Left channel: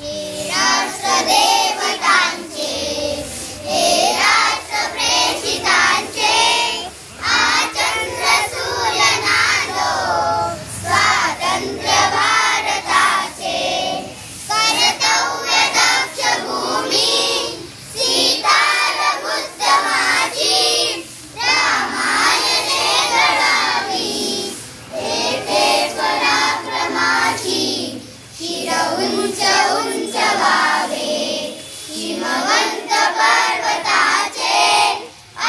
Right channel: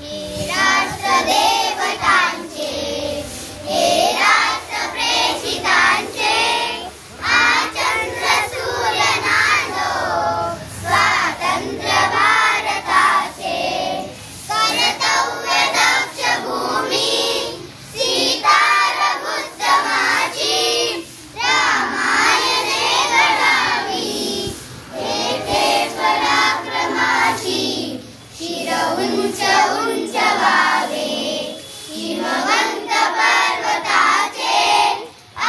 हे राष्ट्रदेवतांचे, हे राष्ट्रप्रेषितांचे, आचंद्र सूर्यनादो स्वातंत्र्य भारताचे, कर्तव्य दक्ष भूमी सीतारघुत्तमाची रामायणे घडावी, तेथे पराक्रमाची शिर उंच उंच व्हावे, हिमवंत पर्वताचे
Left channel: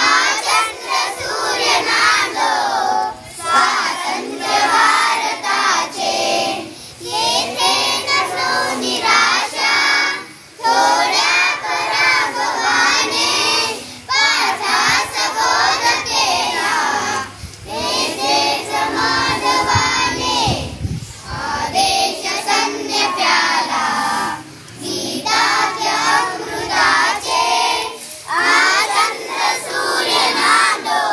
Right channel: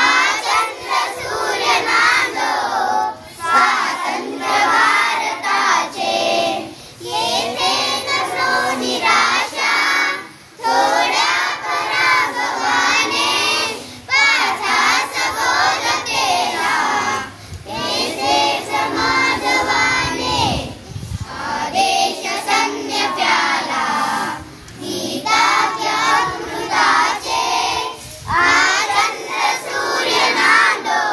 आचंद्र सूर्यनादो स्वातंत्र्य भारताचे, येथे नसो निराशा थोड्या पराभवाने, पाठास बोध केला तेथे समाधवाने, आदेश सैन्य प्याला गीताच्या अमृताचे, आचंद्र सूर्यनादो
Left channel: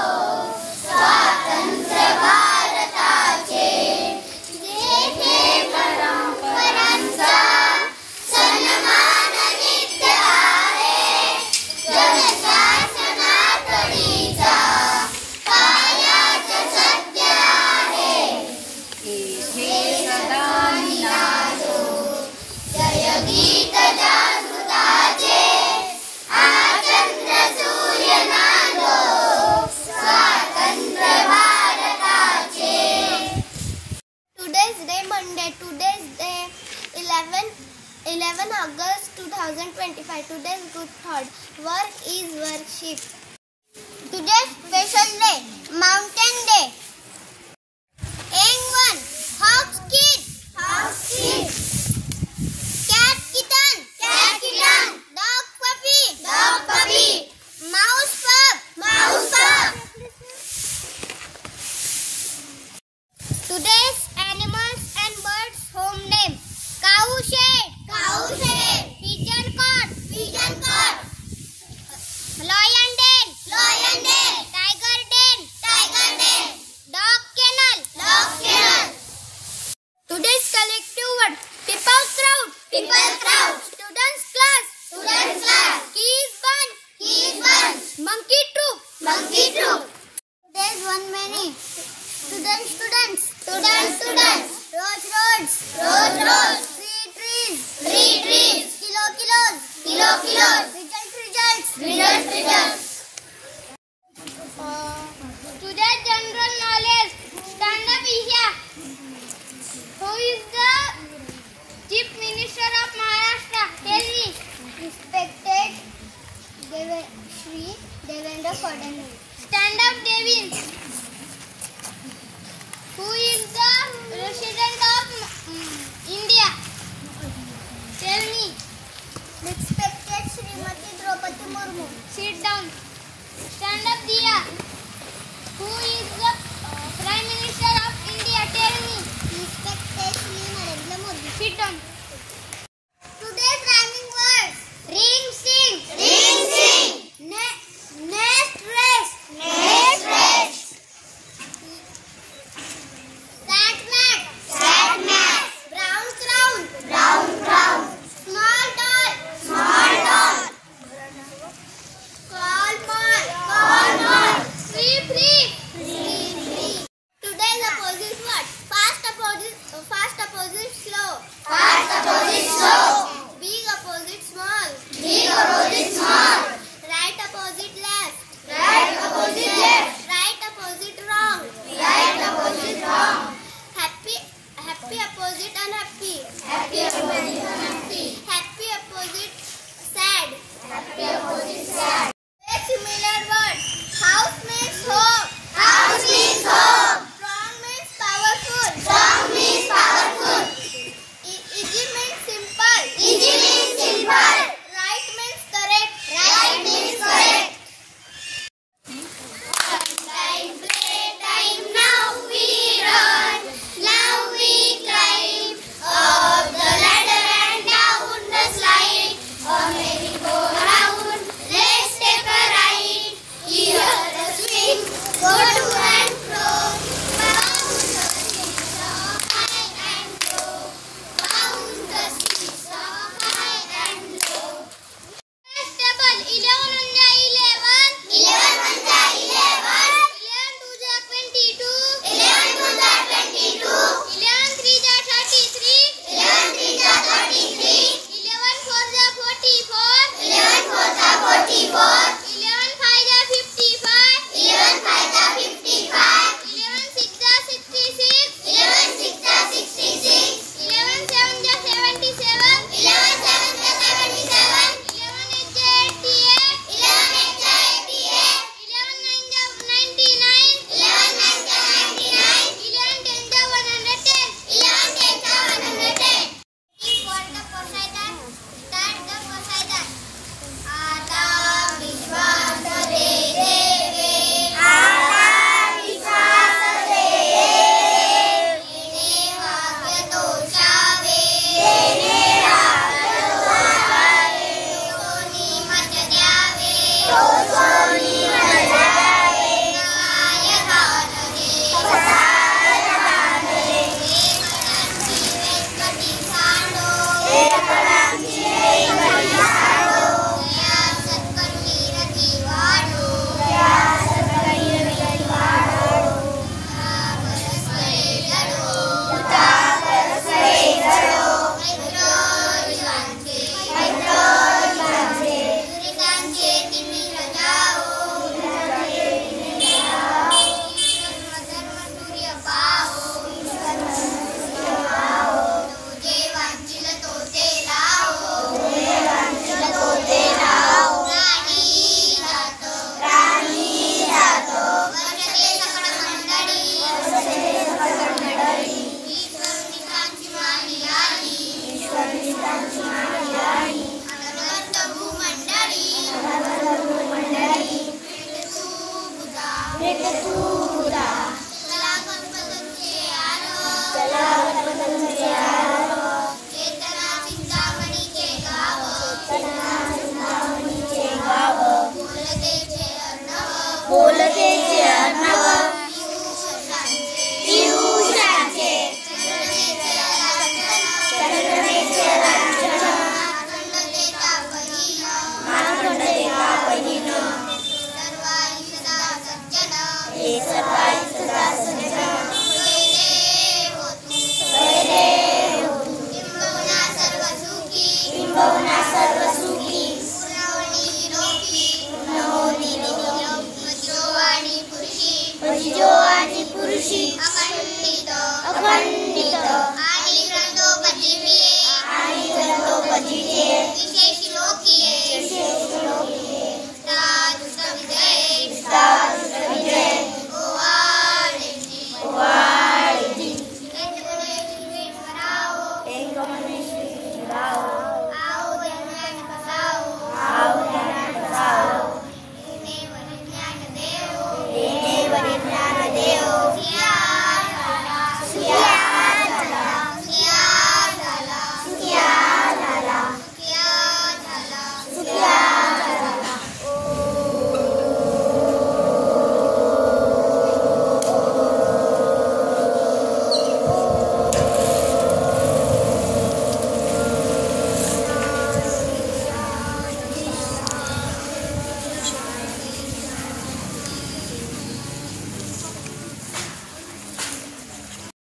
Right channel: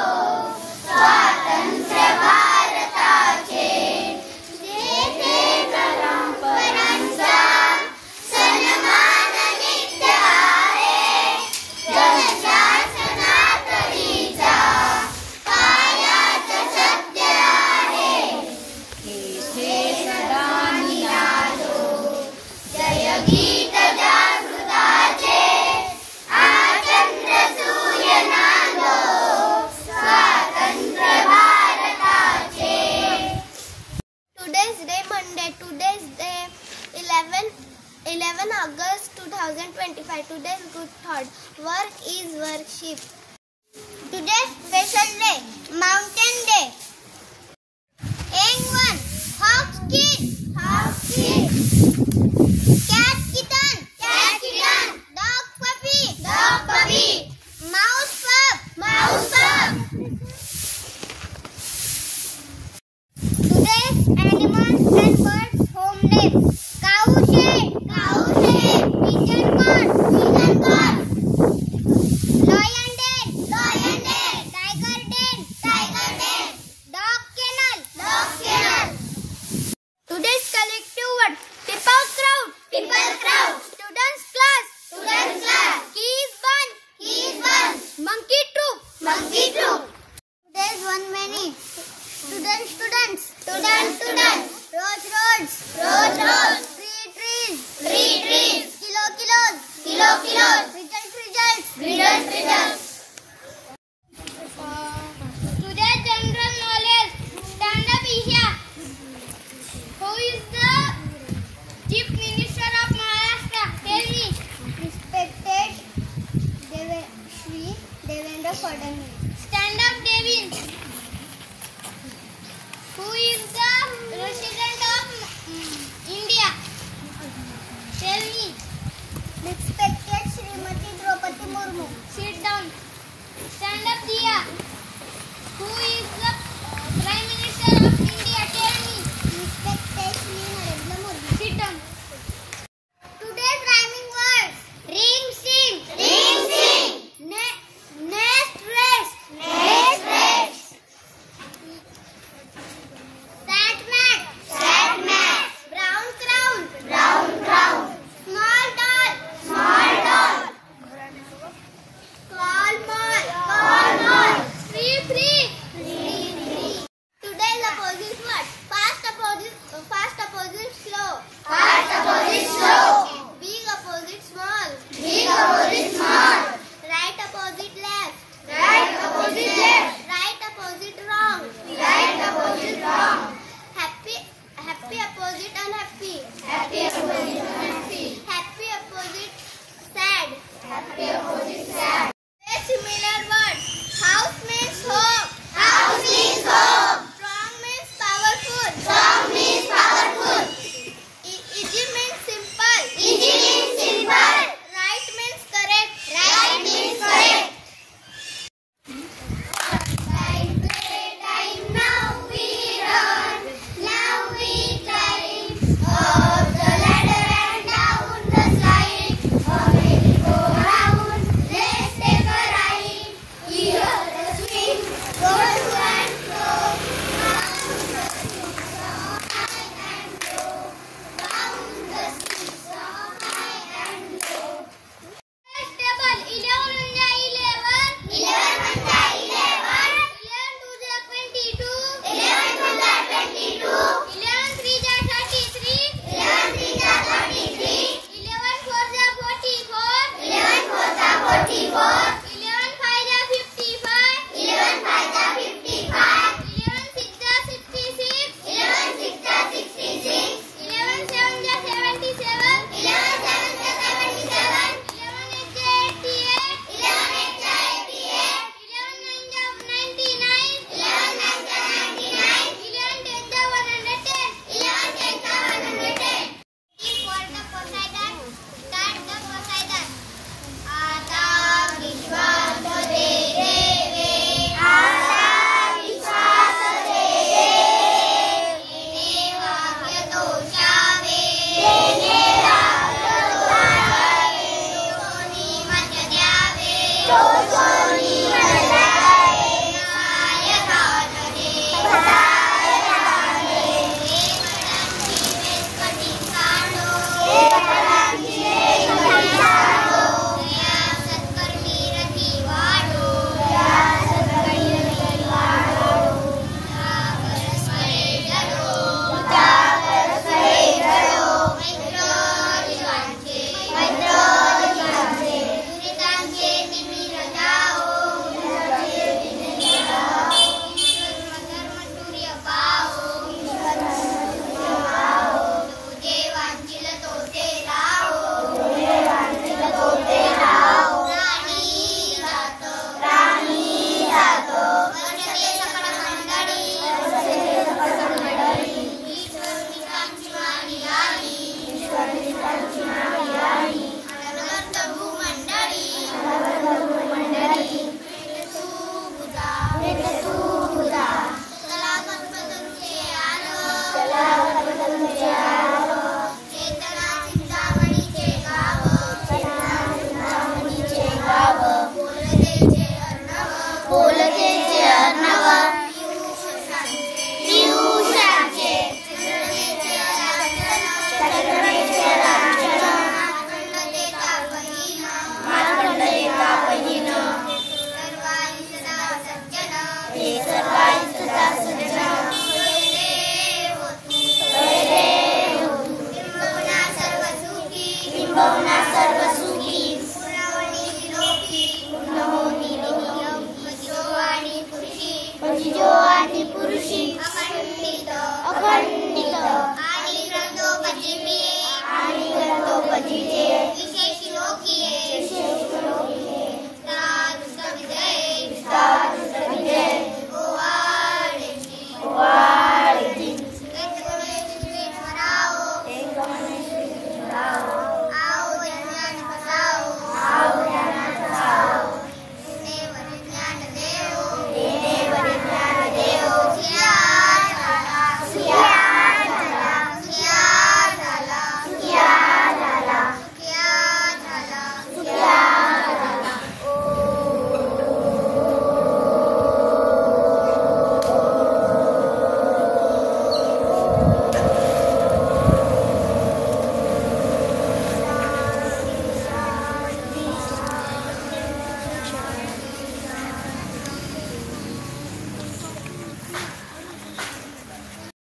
स्वातंत्र्य भारताचे, जेथे परंपरांचा सन्मान नित्य आहे, जनशासनातडीचा कायाच सत्य आहे, तेथे सदा निनादो जय गीत जागृताचे, आचंद्र सूर्यनादो स्वातंत्र्य भारताचे. Today's day Monday. Today's day 11 August 2025. Today's good thought. Work is worship. Today's special day Mountain Day. N1 Hawk's Kid. Cat kitten. Dog puppy. Mouse pup. Today's animals and birds home name: cow shed, pigeon corn, lion den, tiger den, dog kennel. Today's collective word: people crowd, students class, keys bunch, monkey troop. Today's one many: students, roads, trees, kilos, results. Today's general knowledge. Stand up here. Who is the Chief Minister of Maharashtra? Tell me. Respected Shri Devendra Fadnavis. Stand up, Devin. Who is the President of India? Tell me. Respected Srimati Draupadi Murmu. Sit down. Stand up, Diya. Who is the Prime Minister of India? Tell me. Respected Shri Narendra Modi. Sit down. Today's rhyming words: ring sing, nest race, Gandhi